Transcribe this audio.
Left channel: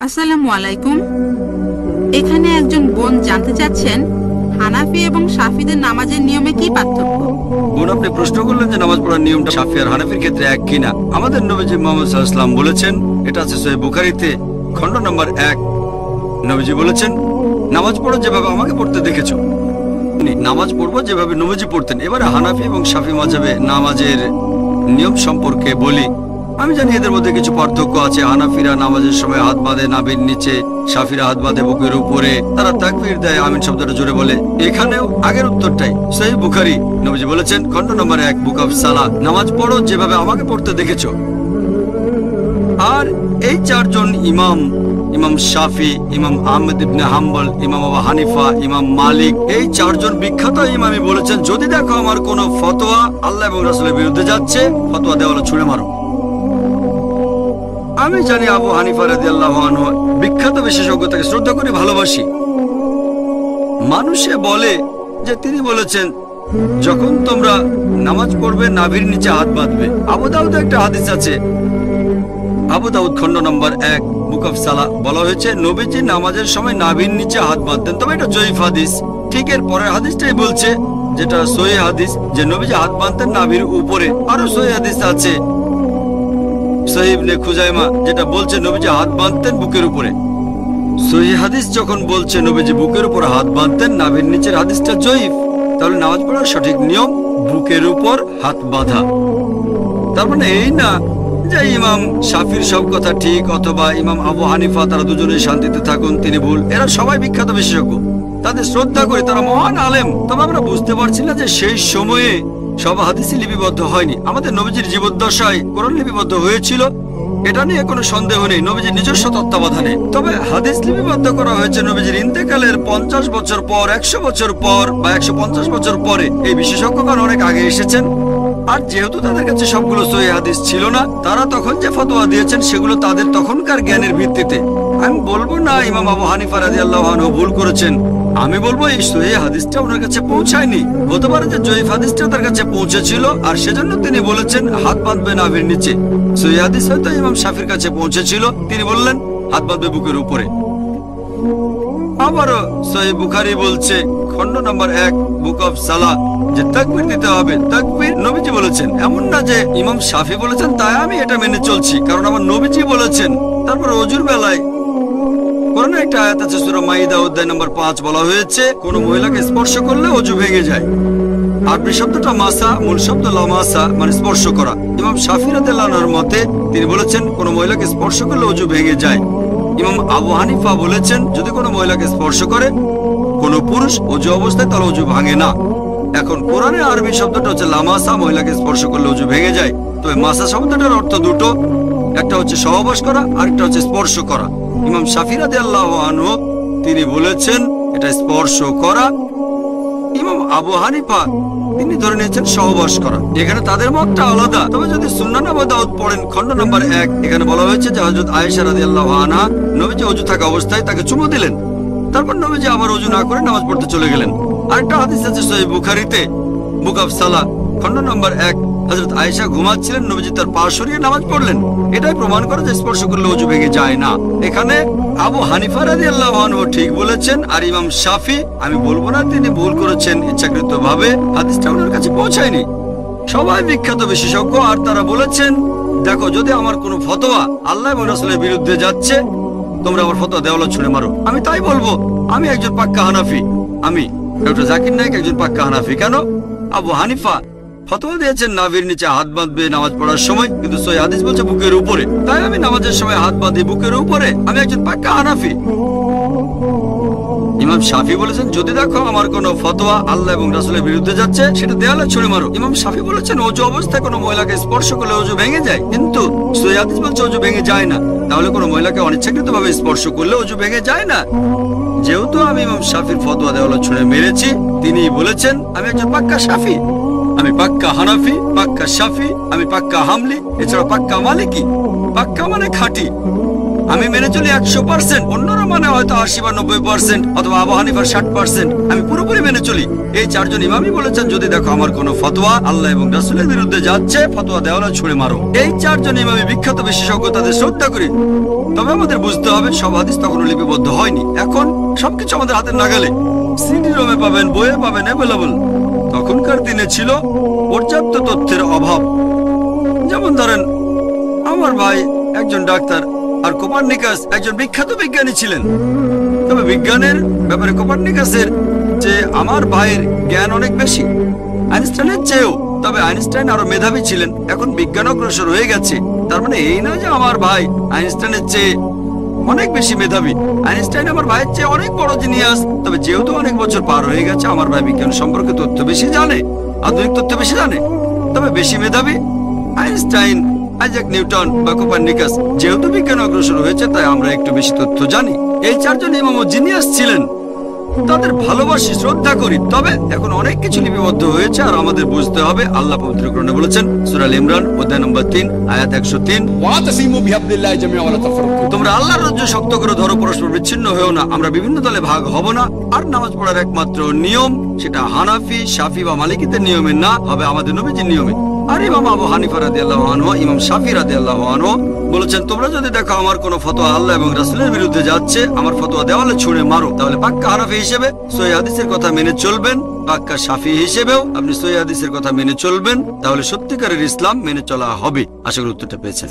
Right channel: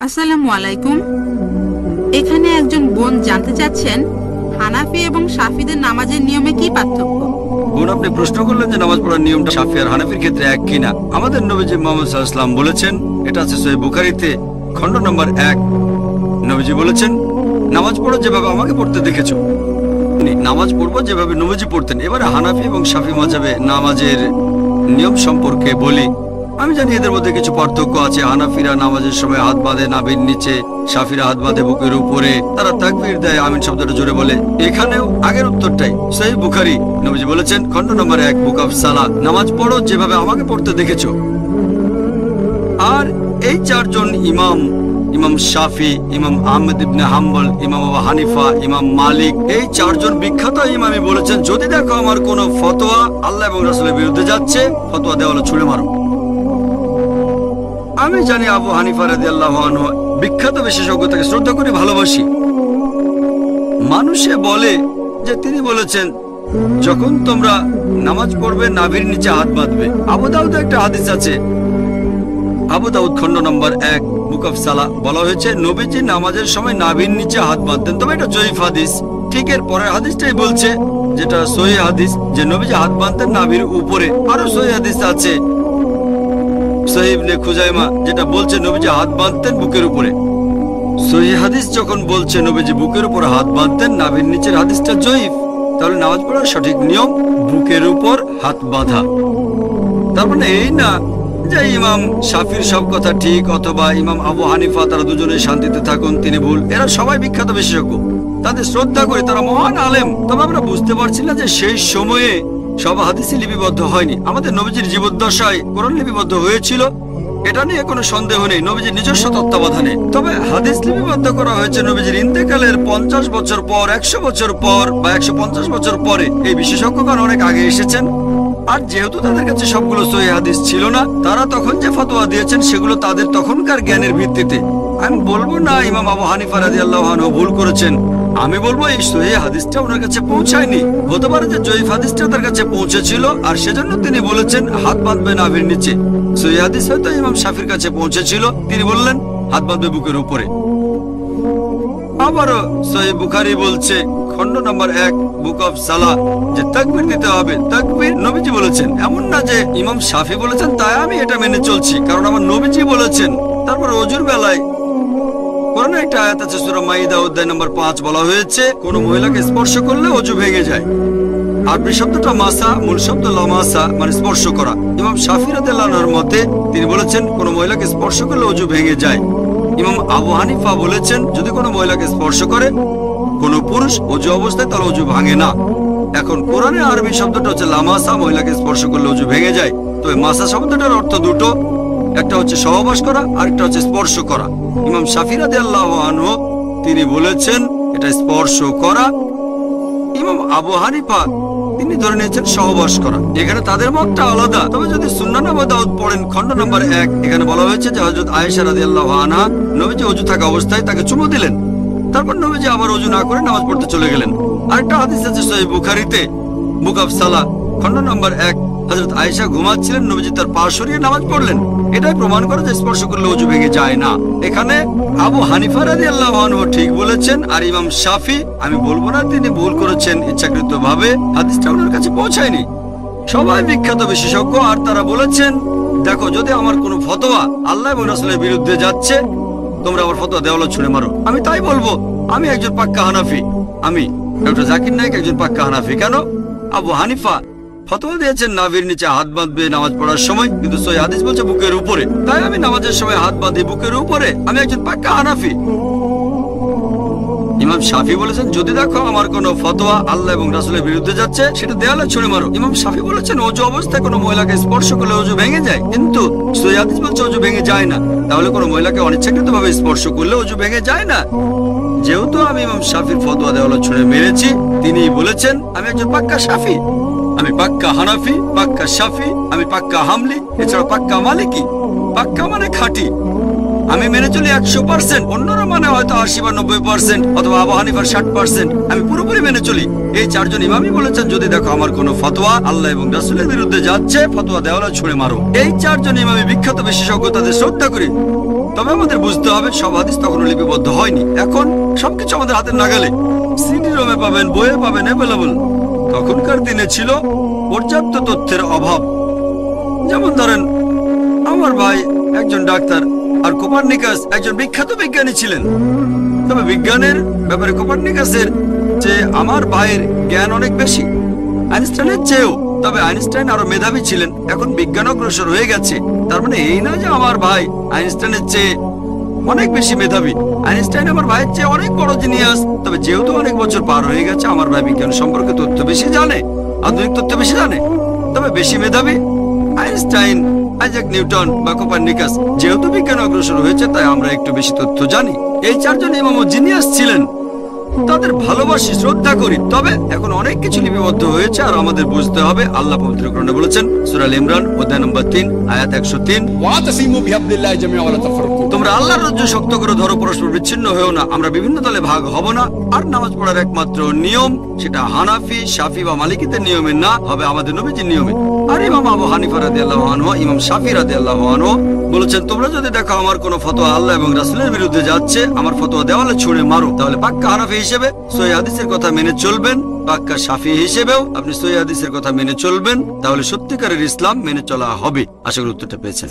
আসসালামু আলাইকুম। এখানে একজন বোন জানতে চাচ্ছেন হানাফি এবং শাফিদের নামাজের নিয়মে কি পার্থক্য। বোন, আপনি প্রশ্ন করলেন যে নামাজ পড়ার নিয়মটা শাফি আর হানাফির ক্ষেত্রে এক কিনা। আমাদের নবীজি মুহাম্মদ সাল্লাল্লাহু আলাইহি ওয়াসাল্লাম বলেছেন, এটা আছে সহিহ বুখারীতে খণ্ড নম্বর 1। নবীজি বলেছেন, নামাজ পড়ো যেভাবে আমাকে পড়তে দেখেছো। নামাজ পড়বো যেভাবে নবীজি পড়তেন। এবারে হানাফি এবং শাফি মাযহাবে নামাজের নিয়ম সম্পর্কে বলি। আমি জানি এদের মধ্যে কিছু পার্থক্য আছে। হানাফিরা নামাজের সময় হাত বাঁধে নাভির নিচে, শাফিরা হাত বাঁধে বুকের উপরে। তারা তাকবীর দেয়, আমিন শব্দটা জোরে বলে। এখানেও আগের উত্তরটাই। সহিহ বুখারী, নবীজি বলেছেন খণ্ড নম্বর 1 বুক অফ সালাহ, নামাজ পড়ো যেভাবে আমাকে পড়তে দেখেছো। আর এই চারজন ইমাম, ইমাম শাফি, ইমাম আহমদ ইবনে হাম্বল, ইমাম আবু হানিফা, ইমাম মালিক, এই চারজন বিখ্যাত ইমামই বলেছেন, যদি দেখো আমার কোনো ফতোয়া আল্লাহ এবং রাসূলের বিরুদ্ধে যাচ্ছে, ফতোয়া দেওয়ালে ছুঁড়ে মারো। আমি জানি আবু হানিফা রাদিয়াল্লাহু আনহু বিখ্যাত বিশেষজ্ঞ, তাকে শ্রদ্ধা করি, ভালোবাসি। মানুষে বলে যে তিনি বলেছেন, যখন তোমরা নামাজ পড়বে নাভির নিচে হাত বাঁধবে। আবু দাউদে একটা হাদিস আছে, আবু দাউদ খণ্ড নম্বর 1 বুক অফ সালাহ, বলা হয়েছে নবীজি নামাজের সময় নাভির নিচে হাত বাঁধতেন। তবে এটা জয়ীফ হাদিস। ঠিক এর পরের হাদিসটাই বলছে, যেটা সহিহ হাদিস, যে নবীজি হাত বাঁধতেন নাভির উপরে। আরো সহিহ হাদিস আছে সহিহ ইবনে খুজাইমা, যেটা বলছে নবীজি হাত বাঁধতেন বুকের উপরে। সহিহ হাদিস যখন বলছে নবীজি বুকের উপরে হাত বাঁধতেন, নাভির নিচের হাদিসটা জয়ীফ। তাহলে নামাজ পড়ার সঠিক নিয়ম বুকের উপর হাত বাঁধা। তার মানে এই না যে ইমাম শাফির সব কথা ঠিক অথবা ইমাম আবু হানিফা তারা দুজনেই শান্তিতে থাকুন, তিনি ভুল। এরা সবাই বিখ্যাত বিশেষজ্ঞ, তাদের শ্রদ্ধা করি, তারা মহান আলেম। তবে আমরা বুঝতে পারছি না যে সেই সময়ে সব হাদিসই লিপিবদ্ধ হয়নি। আমাদের নবীজির জীবদ্দশায় কোরআন লিপিবদ্ধ হয়েছিল, এটা নিয়ে কোনো সন্দেহ নেই, নবীজির নিজস্ব তত্ত্বাবধানে। তবে হাদিস লিপিবদ্ধ করা হয়েছে নবীজির ইন্তেকালের 50 বছর পর, 100 বছর পর বা 150 বছর পরে। এই বিশেষজ্ঞগণ অনেক আগে এসেছেন। আর যেহেতু তাদের কাছে সবগুলো সহিহ হাদিস ছিল না, তারা তখন যে ফতোয়া দিয়েছেন সেগুলো তাদের তখনকার জ্ঞানের ভিত্তিতে। আমি বলবো না ইমাম আবু হানিফা রাদিয়াল্লাহু আনহু ভুল করেছেন, আমি বলবো এই সহিহ হাদিসটা ওনার কাছে পৌঁছায়নি। হতে পারে যে জয়ীফ হাদিসটা তার কাছে পৌঁছেছিল, আর সেজন্য তিনি বলেছেন হাত বাঁধবে নাভির নিচে। সহিহ হাদিস হয়তো ইমাম শাফির কাছে পৌঁছেছিল, তিনি বললেন হাত বাঁধবে বুকের উপরে। আবারও সহিহ বুখারী বলছে খণ্ড নম্বর 1 বুক অফ সালাহ, যে তাকবীর দিতে হবে। তাকবীর নবীজি বলেছেন, এমন না যে ইমাম শাফি বলেছেন তাই আমি এটা মেনে চলছি, কারণ আমার নবীজি বলেছেন। তারপর ওযুর বেলায় কোরআনে একটা আয়াত আছে সূরা মাইদা অধ্যায় নম্বর 5, বলা হয়েছে কোন মহিলাকে স্পর্শ করলে ওযু ভেঙে যায়। আরবি শব্দটা মাসা, মূল শব্দ লামাসা, মানে স্পর্শ করা। ইমাম শাফি রাদিয়াল্লাহু আনহুর মতে তিনি বলেছেন কোন মহিলাকে স্পর্শ করলে ওযু ভেঙে যায়। ইমাম আবু হানিফা বলেছেন যদি কোনো মহিলাকে স্পর্শ করে কোনো পুরুষ ওযু অবস্থায়, তাহলে ওযু ভাঙে না। এখন কোরআনে আরবি শব্দটা হচ্ছে লামাসা, মহিলাকে স্পর্শ করলে ওযু ভেঙে যায়। তো এই মাসা শব্দটার অর্থ দুটো, একটা হচ্ছে সহবাস করা, আরেকটা হচ্ছে স্পর্শ করা। ইমাম শাফি রাদিয়াল্লাহু আনহু তিনি বলেছেন এটা স্পর্শ করা। ইমাম আবু হানিফা তিনি ধরে নিয়েছেন সহবাস করা। এখানে তাদের মতটা আলাদা। তবে যদি সুন্নান আবু দাউদ পড়েন খণ্ড নম্বর 1, এখানে বলা হয়েছে যে হযরত আয়েশা রাদিয়াল্লাহু আনহা নবীজি ওযু থাকা অবস্থায় তাকে চুমু দিলেন, তারপর নবীজি আবার ওযু না করে নামাজ পড়তে চলে গেলেন। আরেকটা হাদিস আছে সহিহ বুখারীতে বুক অফ সালাহ খণ্ড নম্বর 1, হযরত আয়েশা ঘুমাচ্ছিলেন, নবীজি তার পা সরিয়ে নামাজ পড়লেন। এটাই প্রমাণ করে যে স্পর্শ করলে ওযু ভেঙে যায় না। এখানে আবু হানিফা রাদিয়াল্লাহু আনহু ঠিক বলেছেন, আর ইমাম শাফি আমি বলবো না তিনি ভুল করেছেন ইচ্ছাকৃতভাবে, হাদিসটা ওনার কাছে পৌঁছায়নি। সবাই বিখ্যাত বিশেষজ্ঞ, আর তারা বলেছেন দেখো যদি আমার কোনো ফতোয়া আল্লাহ এবং রাসূলের বিরুদ্ধে যাচ্ছে, তোমরা আমার ফতোয়া দেওয়ালে ছুঁড়ে মারো। আমি তাই বলবো, আমি একজন পাক্কা হানাফি। আমি ডক্টর জাকির নায়েক একজন পাক্কা হানাফি। কেন? আবু হানিফা ফতোয়া দিয়েছেন নাভির নিচে হাত বাঁধবে নামাজ পড়ার সময়, কিন্তু সহিহ হাদিস বলছে বুকের উপরে। তাই আমি নামাজের সময় হাত বাঁধি বুকের উপরে। আমি একজন পাক্কা হানাফি। ইমাম শাফি বলেছেন যদি দেখো আমার কোনো ফতোয়া আল্লাহ এবং রাসূলের বিরুদ্ধে যাচ্ছে, সেটা দেয়ালে ছুঁড়ে মারো। ইমাম শাফি বলেছেন ওযু অবস্থায় কোনো মহিলাকে স্পর্শ করলে ওযু ভেঙে যায়, কিন্তু সহিহ হাদিস বলছে ওযু ভেঙে যায় না। তাহলে কোনো মহিলাকে অনিচ্ছাকৃতভাবে স্পর্শ করলে ওযু ভেঙে যায় না। যেহেতু আমি ইমাম শাফির ফতোয়া দেওয়ালে ছুঁড়ে মেরেছি, তিনি বলেছেন আমি একজন পাক্কা শাফি, আমি পাক্কা হানাফি, পাক্কা শাফি, আমি পাক্কা হামলি, এছাড়া পাক্কা মালিকি। পাক্কা মানে খাঁটি। আমি মেনে চলি 100%, অন্যরা মানে হয়তো 80 বা 90% অথবা আবু হানিফার 60%। আমি পুরোপুরি মেনে চলি। এই চারজন ইমামই বলেছেন যদি দেখো আমার কোনো ফতোয়া আল্লাহ এবং রাসূলের বিরুদ্ধে যাচ্ছে, ফতোয়া দেওয়ালা ছুঁড়ে মারো। এই চারজন ইমামই বিখ্যাত বিশেষজ্ঞ, তাদের শ্রদ্ধা করি। তবে আমাদের বুঝতে হবে সব হাদিস তখনো লিপিবদ্ধ হয়নি। এখন সবকিছু আমাদের হাতের নাগালে, সিডি রোমে পাবেন, বইয়ে পাবেন, অ্যাভেলেবল। তখনকার দিনে ছিল পর্যাপ্ত তথ্যের অভাব। যেমন ধরেন আমার ভাই একজন ডাক্তার আর কোপার্নিকাস একজন বিখ্যাত বিজ্ঞানী ছিলেন। তবে বিজ্ঞানের ব্যাপারে কোপার্নিকাসের যে আমার ভাইয়ের জ্ঞান অনেক বেশি, আইনস্টাইনের চেয়েও। তবে আইনস্টাইন আরো মেধাবী ছিলেন। এখন বিজ্ঞান অগ্রসর হয়ে গেছে, তার মানে এই না যে আমার ভাই আইনস্টাইনের চেয়ে অনেক বেশি মেধাবী। আইনস্টাইন আমার ভাইয়ের চেয়ে অনেক বড় জিনিয়াস। তবে যেহেতু অনেক বছর পার হয়ে গেছে, আমার ভাই বিজ্ঞান সম্পর্কে তথ্য বেশি জানে, আধুনিক তথ্য বেশি জানে। তবে বেশি মেধাবী আইনস্টাইন, আইজাক নিউটন বা কোপার্নিকাস। যেহেতু বিজ্ঞান অগ্রসর হয়েছে, তাই আমরা একটু বেশি তথ্য জানি। এই চারজন ইমামও জিনিয়াস ছিলেন, তাদের ভালোবাসি, শ্রদ্ধা করি। তবে এখন অনেক কিছু লিপিবদ্ধ হয়েছে, আর আমাদের বুঝতে হবে আল্লাহ পবিত্র কোরআনে বলেছেন সূরা আল ইমরান অধ্যায় নম্বর 3 আয়াত 103, ওয়াতাসিমু বিহাবলিল্লাহি জামিআ ওয়া লা তাফাররাকু। তোমরা আল্লাহর রজ্জু শক্ত করে ধরো, পরস্পর বিচ্ছিন্ন হয়েও না। আমরা বিভিন্ন দলে ভাগ হব না। আর নামাজ পড়ার একমাত্র নিয়ম সেটা হানাফি, শাফি বা মালিকিদের নিয়মে না, হবে আমাদের নবীজির নিয়মে। আর ইমাম আবু হানিফা রাদিয়াল্লাহু আনহু, ইমাম শাফি রাদিয়াল্লাহু আনহু বলেছেন তোমরা যদি দেখো আমার কোনো ফতোয়া আল্লাহ এবং রাসূলের বিরুদ্ধে যাচ্ছে, আমার ফতোয়া দেওয়ালে ছুঁড়ে মারো। তাহলে পাক্কা হানাফি হিসেবে সহিহ হাদিসের কথা মেনে চলবেন, পাক্কা শাফি হিসেবেও আপনি সহিহ হাদিসের কথা মেনে চলবেন। তাহলে সত্যিকারের ইসলাম মেনে চলা হবে। আশা করি উত্তরটা পেয়েছেন।